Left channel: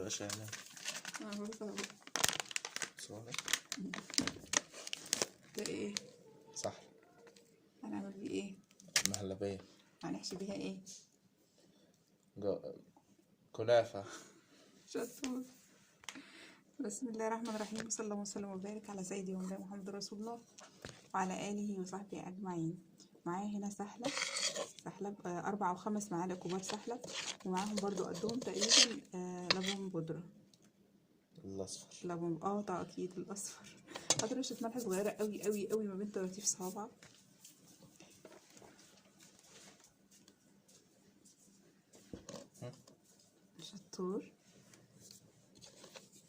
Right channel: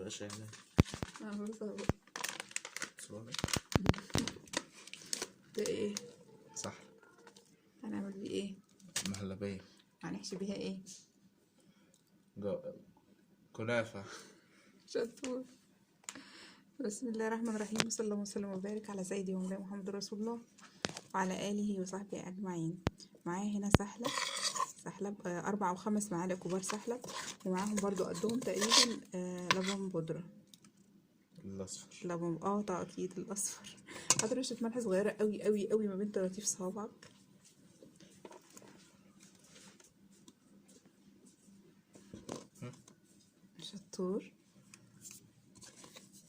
مبقاش يعني صورة ده ايه؟ صح. هنعمل بيه ايه؟ مهلبية. هنحشي بيها ايه؟ كنافة. شطور. بسم الله الرحمن الرحيم، وصلى الله وسلم وبارك على سيدي ومولانا محمد رسول الله وعلى آله وصحبه أجمعين. معايا هنا سحلب 4 أو 5 معالق كبار سحلب، ومعاهم برضو قدهم تقريبا لبن بودرة الأصفر. لبن تقطيد الأصفر. حط رشة ملح صغيرة قوي قوي قوي ما بين طراطيف صوابعك. شطور.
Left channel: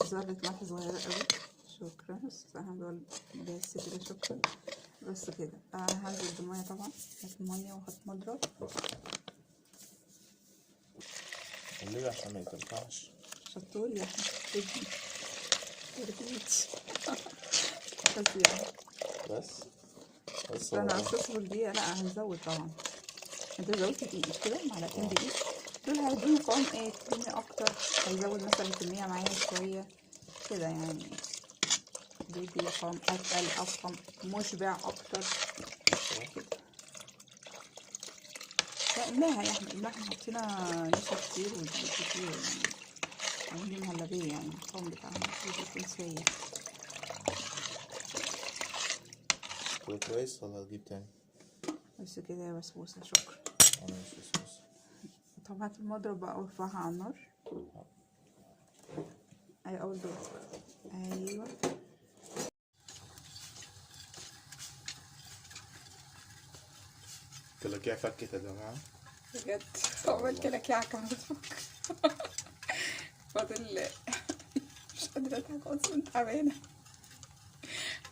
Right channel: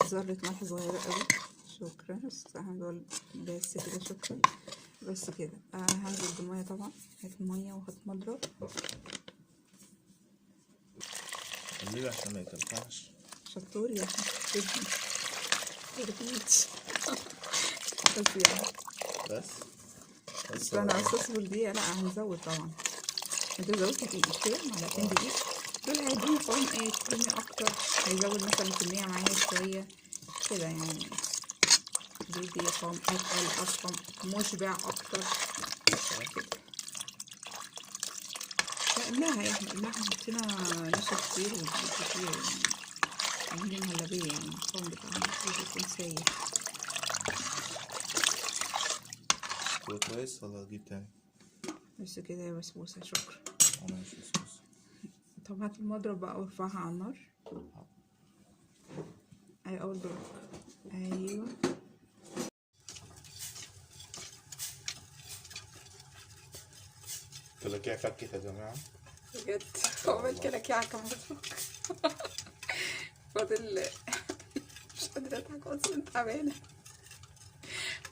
ذرة ملح صغيرة قوي. شكرا. هدول بس كده. شكرا. بس كده. هنزل بالمية طبعا. هات المية وهات مضرب. ليه؟ عشان ما يتنفعش. شطور يا حبيبي. بس انا اصفر دي لا هنزود طبعا. هنزود دقيق كده، معلقتين دقيق. دول هيديني قوام كريمي اكتر، هيزود مثلا الكمية معايا شوية كده يعني. بيدي قوام اتقل اصلا، مشبع اكتر. قلناها يا احنا حطينا نشا كتير ودقيق كتير يعني. عاملين مهلبية يعني القوام بتاعنا يكون سايح. كويس ولا اجيب تاني؟ بس كده يا بسبوسة. شكرا. انا مش بسبوسة. طب هات المضرب بقى وارفعها على النار. اول دور. ايوه كلاكيع فكت يا جماعة بجد. عمل كلاكيع كمان. فاضل. مش قادرة اضحك اصلا، تعبانة.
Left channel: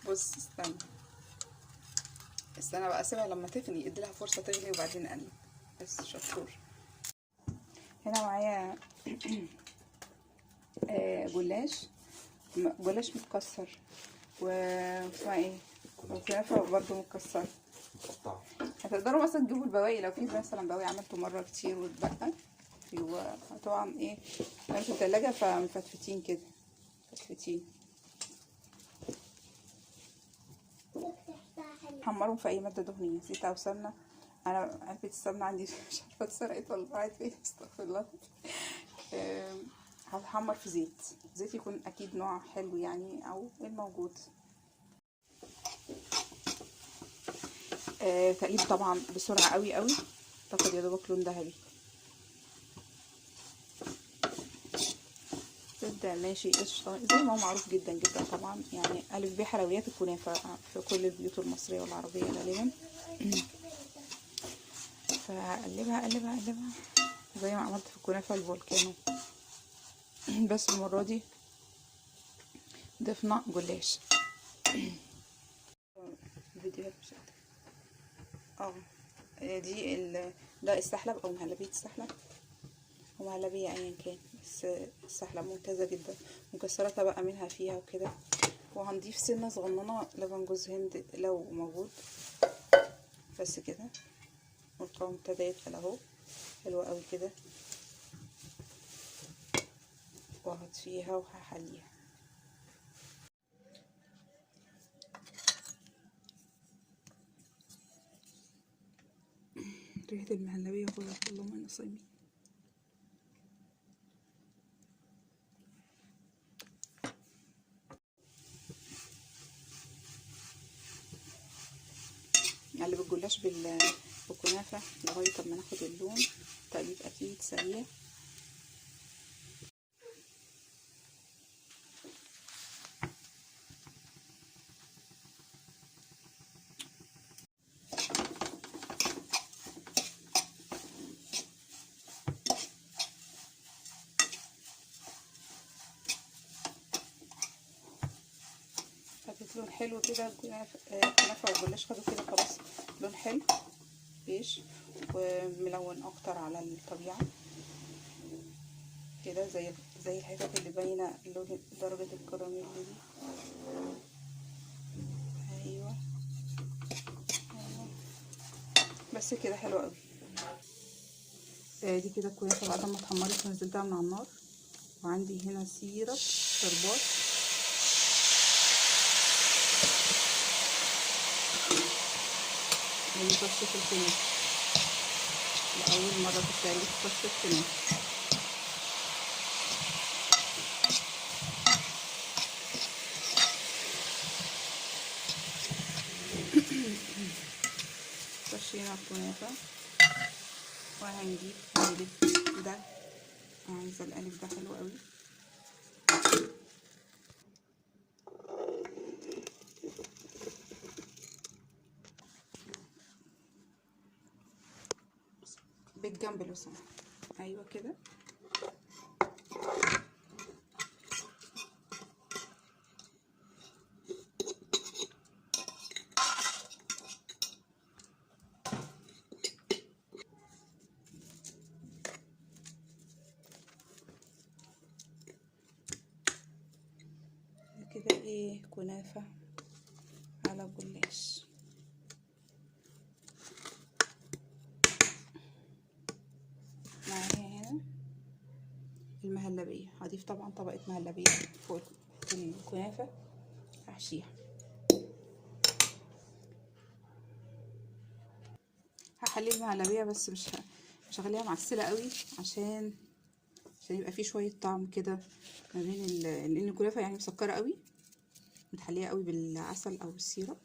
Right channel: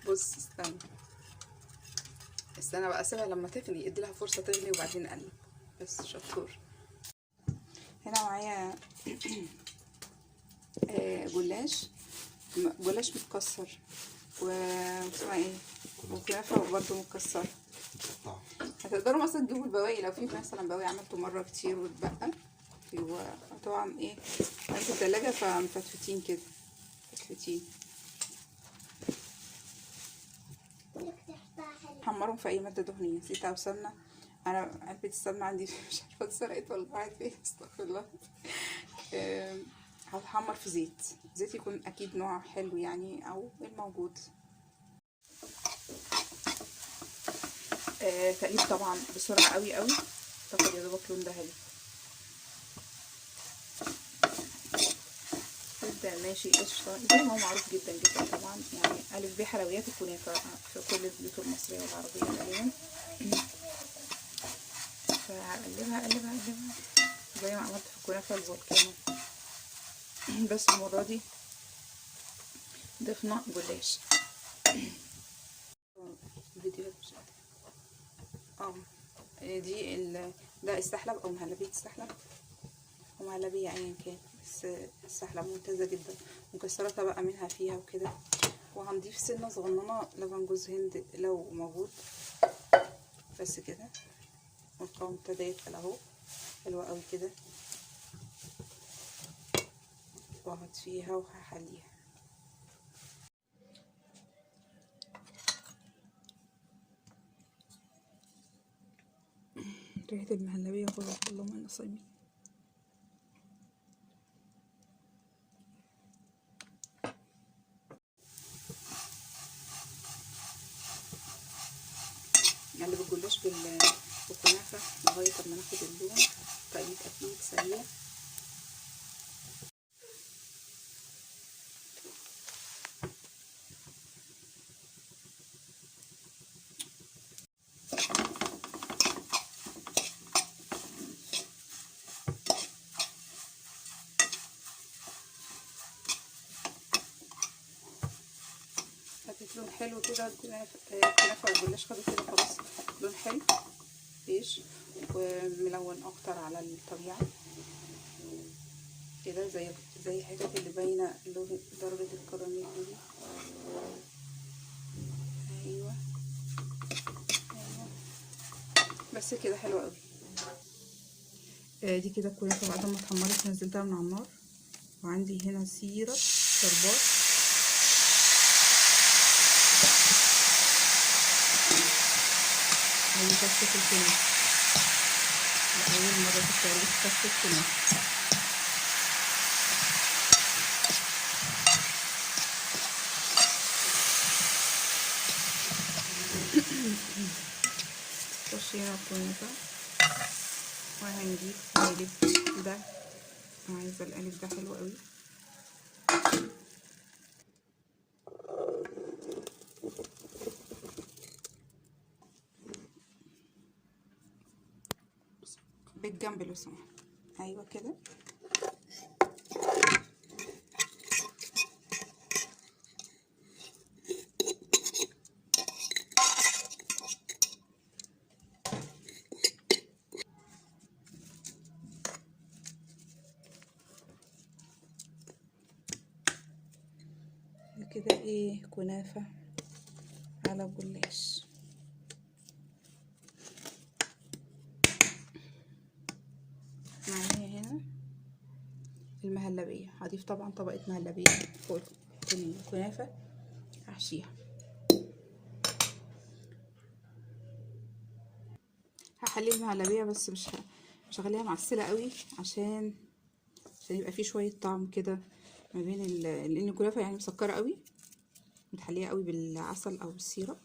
بص استنى بقى، اسيبها لما تغلي، اديلها فرصة تغلي وبعدين اقلب. بس شطور. هنا معايا جلاش متكسر واسمها ايه، وكنافة برضه متكسرة. هتقدروا مثلا تجيبوا البواقي، لو في مثلا بواقي عملته مرة كتير واتبقى، طبعا ايه في التلاجة فمفتفتين كده، مفتفتين. حمرهم في اي مادة دهنية، زيت او سمنة. انا علبة السمنة عندي مش عارفة اتسرقت ولا ضاعت فين، استغفر الله. هتحمر في زيت يكون اكيد نوع حلو يعني، او الموجود. تقليب طبعا بسرعة قوي قوي، تاخد يا دوبك لون ذهبي. تبدأ ماشي قشطة زي ما هو معروف جدا جدا طبعا يعني. ألف ب حلويات الكنافة في كل البيوت المصرية والعربية غالبا. فقلبها قلبها قلبها زي ما عملت في الكنافة الفولكانو، بس المرة دي ضفنا جلاش. الفيديوهات مش قادرة. دي ده السحلب او مهلبية السحلب، ومهلبية ايا كان، بس السحلب ممتازة جدا. مكسراتها بقى منها فيها وكده. وهنضيف سنة صغننة لبن جوز هند لو موجود. بس كده. والقوام ابتدى يتقل اهو، حلوة قوي كده. وهطفيها وهحليها. ريحة المهلبية خلاص، اللهم انا صايمين. نقلب الجلاش بالكنافة لغاية ما ناخد اللون. تقليب اكيد سريع. لون حلو كده. الكنافة والجلاش خدوا كده خلاص لون حلو بيش وملون اكتر على الطبيعة كده، زي الحتت اللي باينة درجة الكراميل دي. ايوه بس كده حلو قوي. دي كده الكنافة بعد ما اتحمرت نزلتها من على النار. وعندي هنا سيرة شربات. دي كفتة الكنافة، لأول مرة في التاريخ كفتة كنافة. خش هنا الكنافة وهنجيب قالب ده. عايزة القالب ده حلو قوي. بالجنب لو سمحت. ايوه كده. كده ايه، كنافة على جلاش. معايا هنا المهلبية، هضيف طبعا طبقة مهلبية فوق الكنافة هحشيها. هخلي المهلبية بس مش هخليها معسلة قوي عشان يبقى فيه شوية طعم كده ما بين لان الكنافة يعني مسكرة قوي، متحلية قوي بالعسل او بالسيرة.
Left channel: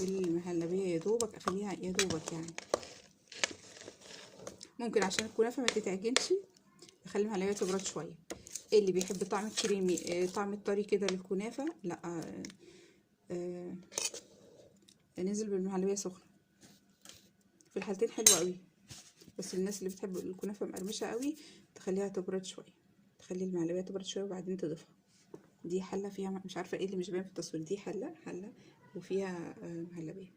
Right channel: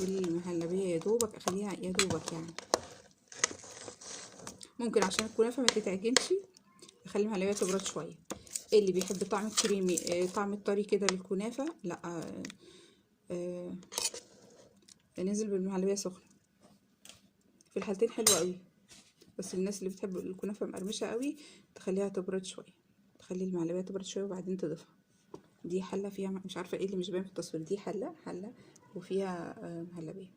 والمهلبية يا دوبك اخليها يا دوبك يعني. ممكن عشان الكنافة ما تتعجنش اخلي المهلبية تبرد شوية. اللي بيحب طعم الكريمي، طعم الطري كده للكنافة، لا ننزل بالمهلبية سخنة. في الحالتين حلوة قوي، بس الناس اللي بتحب الكنافة مقرمشة قوي تخليها تبرد شوية، تخلي المهلبية تبرد شوية وبعدين تضيفها. دي حلة فيها مش عارفة ايه اللي مش باين في التصوير، دي حلة وفيها مهلبية.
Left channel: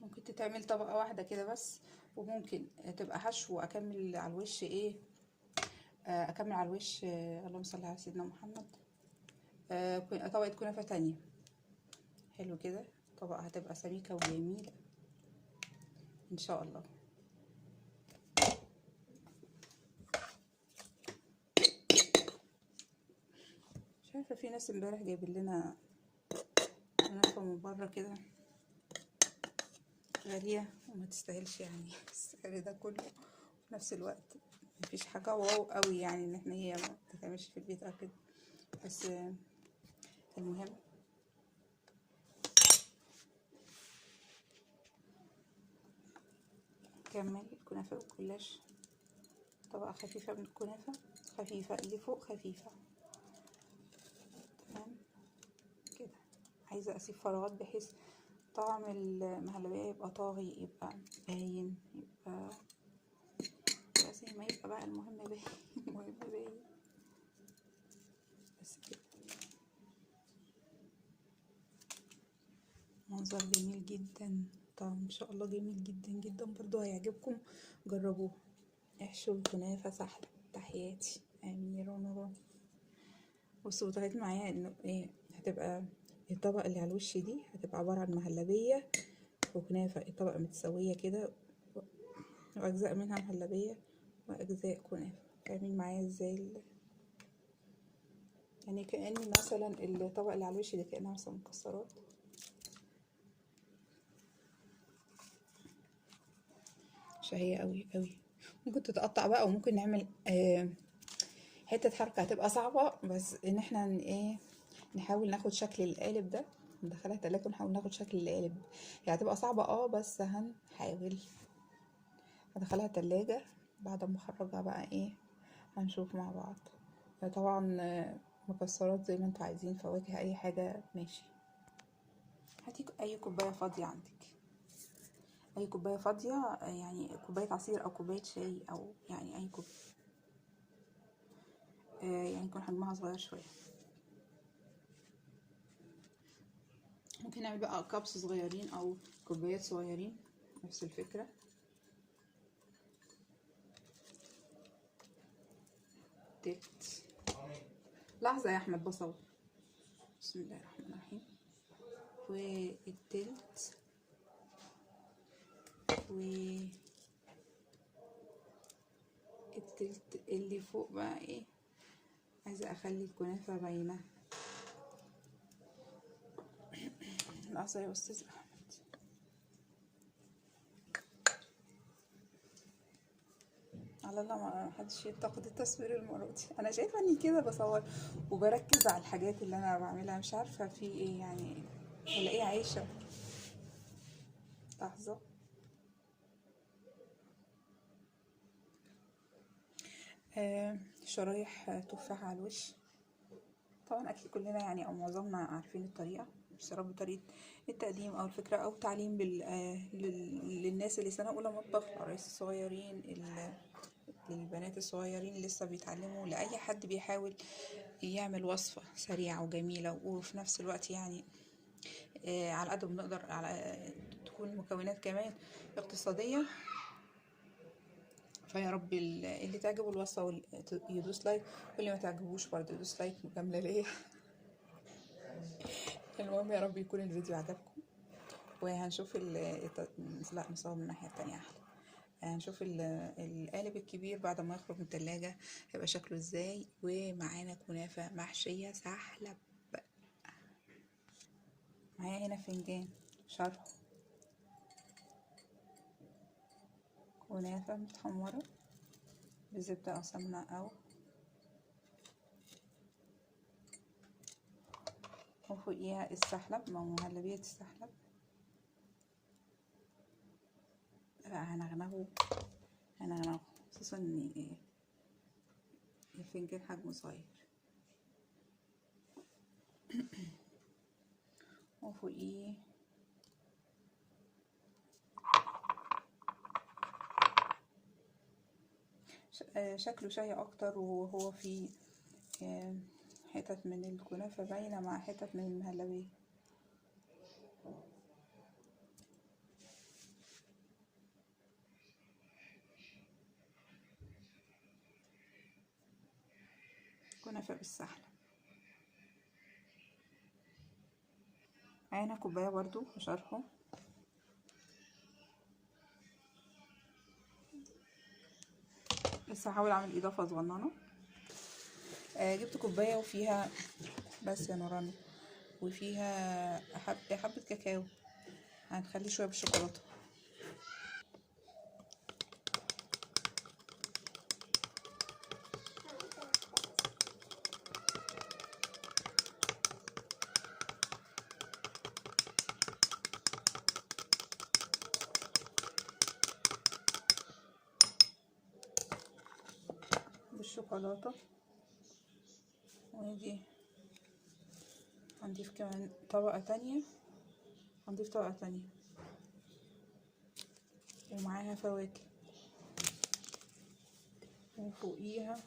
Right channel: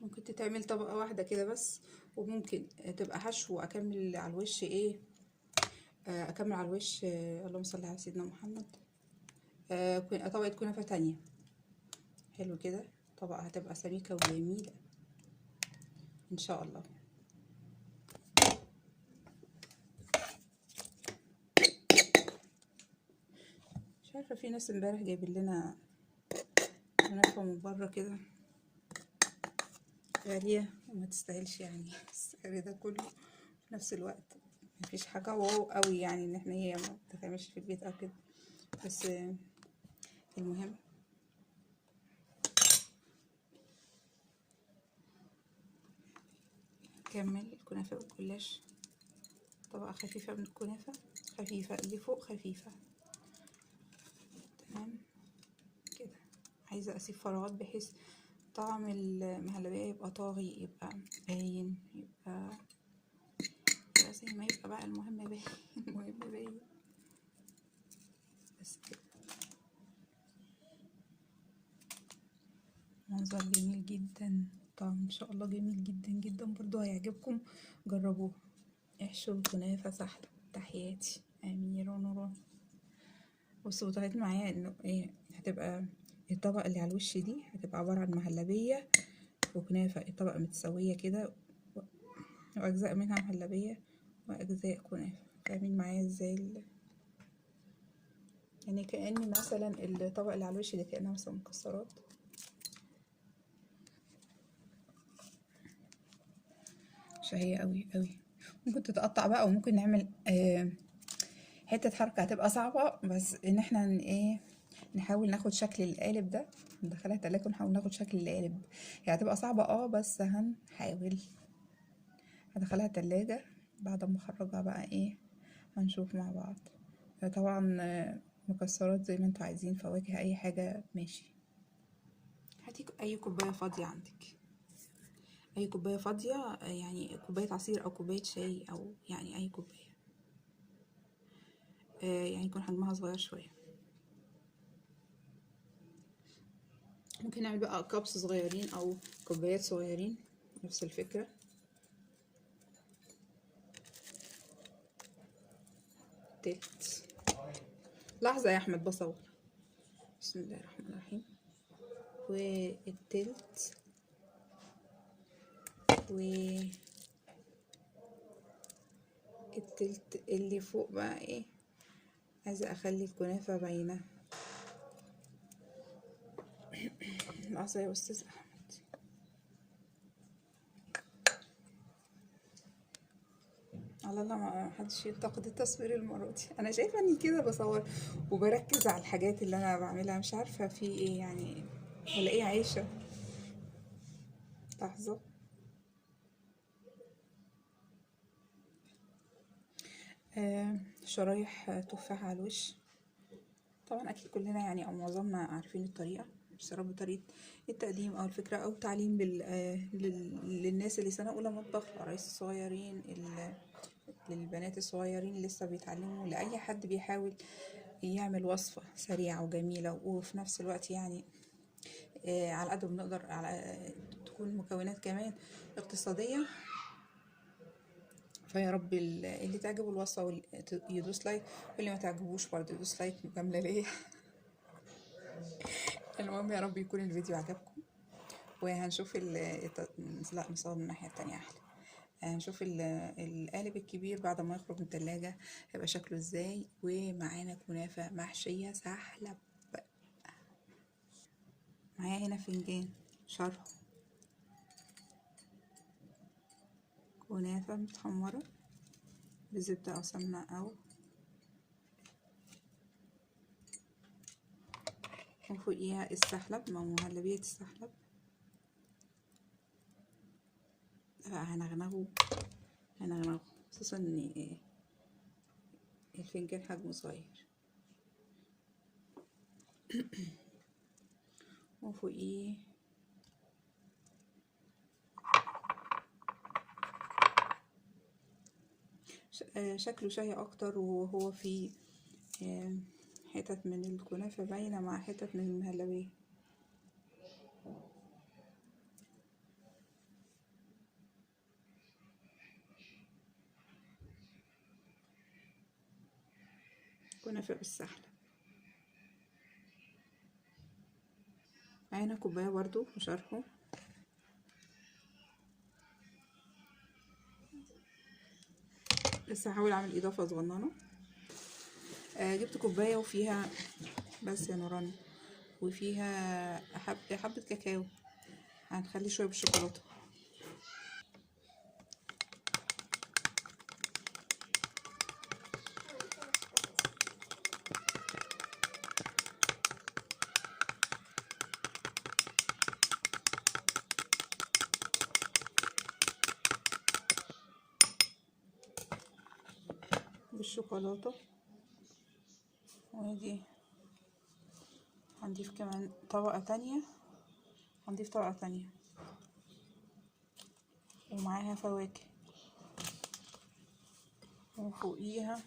ممكن تتعمل طبقة واحدة كده بس، وممكن تبقى حشو اكمل على الوش ايه، اكمل على الوش اللهم صل على سيدنا محمد، طبقة كنافة تانية. حلو كده، طبقة هتبقى سميكة وجميلة ان شاء الله. مش عارفة، في ناس امبارح جايبين لنا كنافة من بره كده غالية وما تستاهلش يعني السعر ده كله. في نفس الوقت مفيش حاجة واو قوي يعني ان احنا هي ما تتعملش في البيت او كده، بس المهم كمل الكنافة والجلاش. طبقة خفيفة من الكنافة، خفيفة اللي فوق خفيفة. تمام كده. عايزة اسيب فراغات بحيث طعم المهلبية يبقى طاغي، يبقى باين، يبقى زي ما يبقى بقى، المهم باين المهم باين بس كده. منظر جميل جدا، طعم ان شاء الله جميل جدا جدا، برضو هيعجبكم. جربوه. احشوا الكنافة سحلة. تحياتي أميرة نوران. بصوا طلعت معايا انه ايه، هتبقى الطبقة اللي على الوش دي هتبقى عبارة عن مهلبية وكنافة، الطبقة متسوية كده، وأجزاء منها مهلبية وأجزاء كنافة. فاهمين معايا ازاي يعني كأني مثلا الطبقة اللي على الوش دي كأنها مثلا مكسرات. شهية قوي قوي. ممكن تتقطع بقى، وممكن نعمل حتة حركة هتبقى صعبة، بس ان احنا ايه، نحاول ناخد شكل القالب ده، ندخلها التلاجة ونحاول ناخد شكل القالب. هي هتبقى صعبة بس هنحاول. هدخلها التلاجة بعد ما اخرجها بقى ايه، هنشوف مع بعض. طبعا مكسرات زي ما انتوا عايزين، فواكه، اي حاجة ماشي. هاتي اي كوباية فاضية عندك، اي كوباية فاضية، يعني كوباية عصير او كوباية شاي او يعني اي كوباية، يعني يكون حجمها صغير شوية. ممكن نعمل بقى كابس صغيرين او كوبايات صغيرين، نفس الفكرة. التلت. لحظة يا احمد بصور. بسم الله الرحمن الرحيم. والتلت التلت اللي فوق بقى ايه، عايزة اخلي الكنافة باينة. لحظة يا استاذ احمد. على الله ما حدش ينتقد التصوير المرة دي. انا شايفة اني كده بصور وبركز على الحاجات اللي انا بعملها، مش عارفة في ايه يعني، ولا ايه عايشة. لحظة. شرايح تفاح على الوش. طبعا اكيد كلنا يعني او معظمنا عارفين الطريقة، بس يا رب طريقة التقديم او الفكرة او تعليم للناس اللي سنة اولى مطبخ، العرايس الصغيرين، للبنات الصغيرين اللي لسه بيتعلموا، لأي حد بيحاول يعمل وصفة سريعة وجميلة وفي نفس الوقت يعني على قد ما نقدر على تكون مكونات كمان اقتصادية. فيا رب اللي تعجبه الوصفة يدوس لايك، واللي ما تعجبوش برضه يدوس لايك مجاملة ليه. المهم يا رب يكون الفيديو عجبكم، وهنشوف لا نصور من الناحية التانية احلى. هنشوف القالب الكبير بعد ما يخرج من التلاجة هيبقى شكله ازاي. ومعانا كنافة محشية سحلب. معايا هنا فنجان شرح كنافة متحمرة بزبدة أو سمنة أو، وفوقيها السحلب مع مهلبية السحلب. بقى هنغنغه خصوصا ان الفنجان حجمه صغير. وفوقيه شكله شهي اكتر، وهو فيه حتت من الكنافة باينة مع حتت من المهلبية. كنافة بالسحلب. معانا كوباية برضو وشرحه. لسه هحاول اعمل اضافة صغننة. جبت كوباية وفيها بس يا نوران، وفيها حبة كاكاو. هنخلي شوية بالشوكولاتة. بالشوكولاتة. ودي هنضيف كمان طبقة تانية، هنضيف طبقة تانية ومعاها فواكه. وفوقيها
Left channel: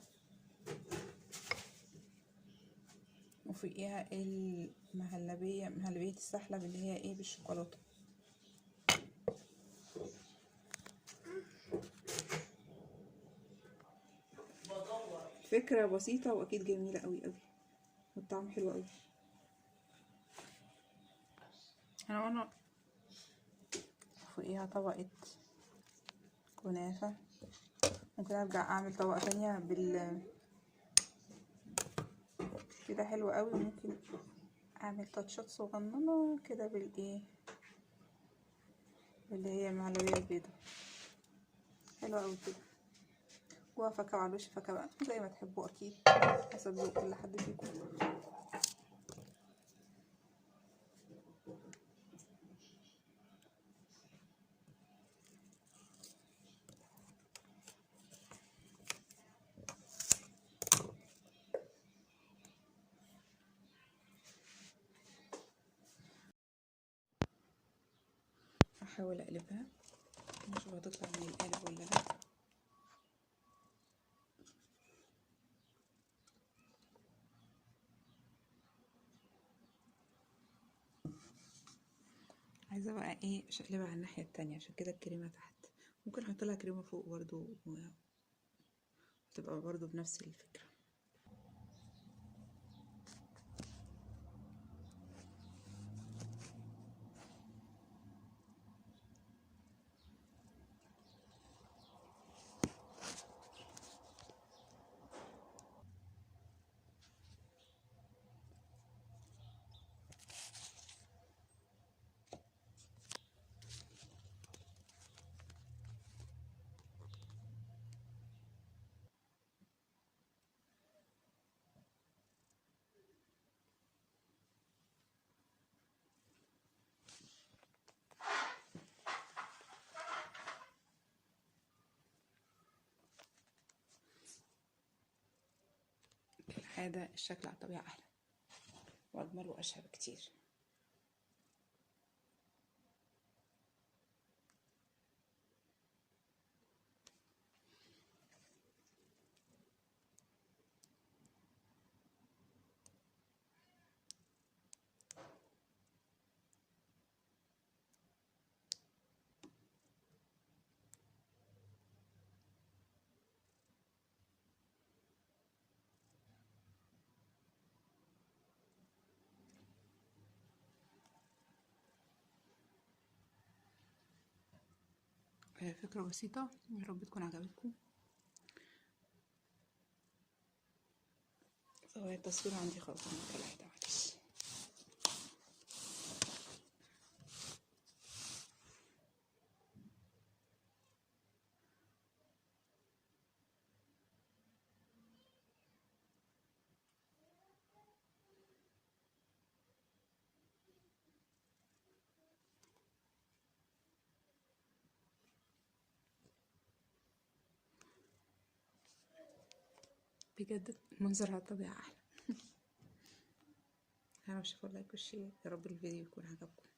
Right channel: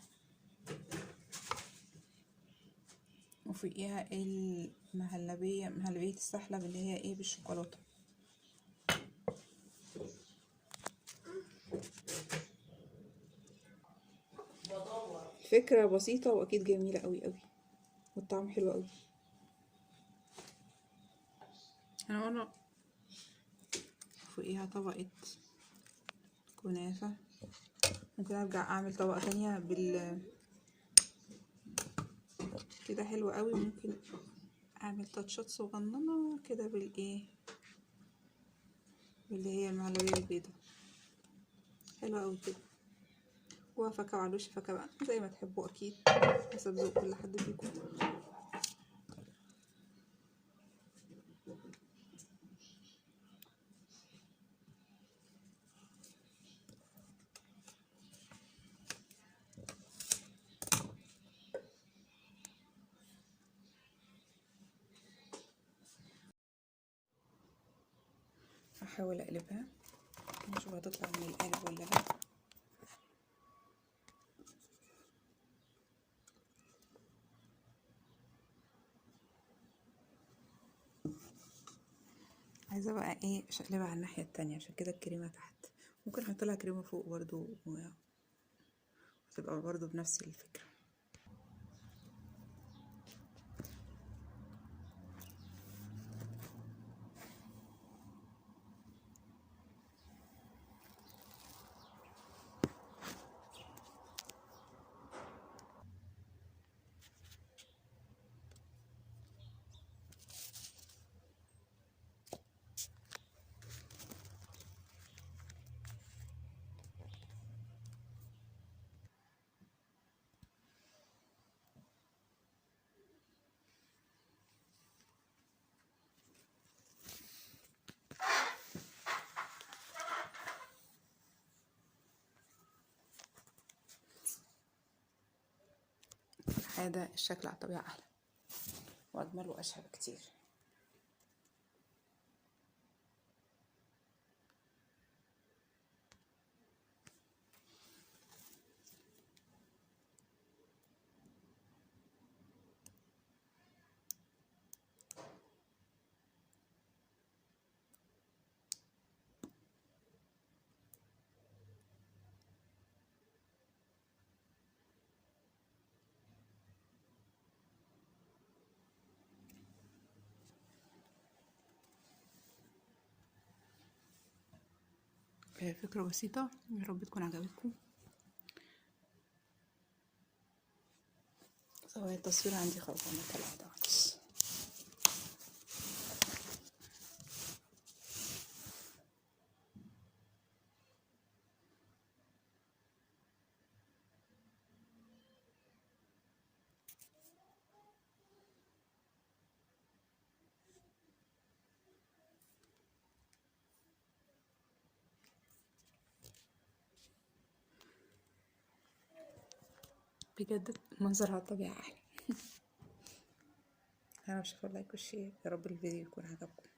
مهلبية السحلب اللي هي ايه بالشوكولاتة. فكرة بسيطة واكيد جميلة قوي قوي، والطعم حلو قوي. انا فوقيها طبقة كنافة. ممكن ارجع اعمل طبقة تانية كده حلوة قوي. وممكن اعمل تاتشات صغننة كده بالايه اللي هي المهلبية البيضة. حلوة قوي كده. وفاكهة على الوش، فاكهة بقى زي ما تحبوا اكيد حسب ذوق كل حد فيكم. هحاول اقلبها نشوف هتطلع من القالب ولا لا. عايزة بقى ايه اشقلبها على الناحية التانية، عشان كده الكريمة تحت. ممكن احط لها كريمة فوق برضو وتبقى برضو بنفس الفكرة. هذا الشكل على الطبيعة أحلى وأجمل وأشهى بكتير. فكرة بسيطة، يا رب تكون عجبتكم. زوايا التصوير عندي خلصانة كالعادة معلش. بجد المنظر على الطبيعة أحلى. أنا مش هقول لايك والشير، يا رب الفيديو يكون عجبكم.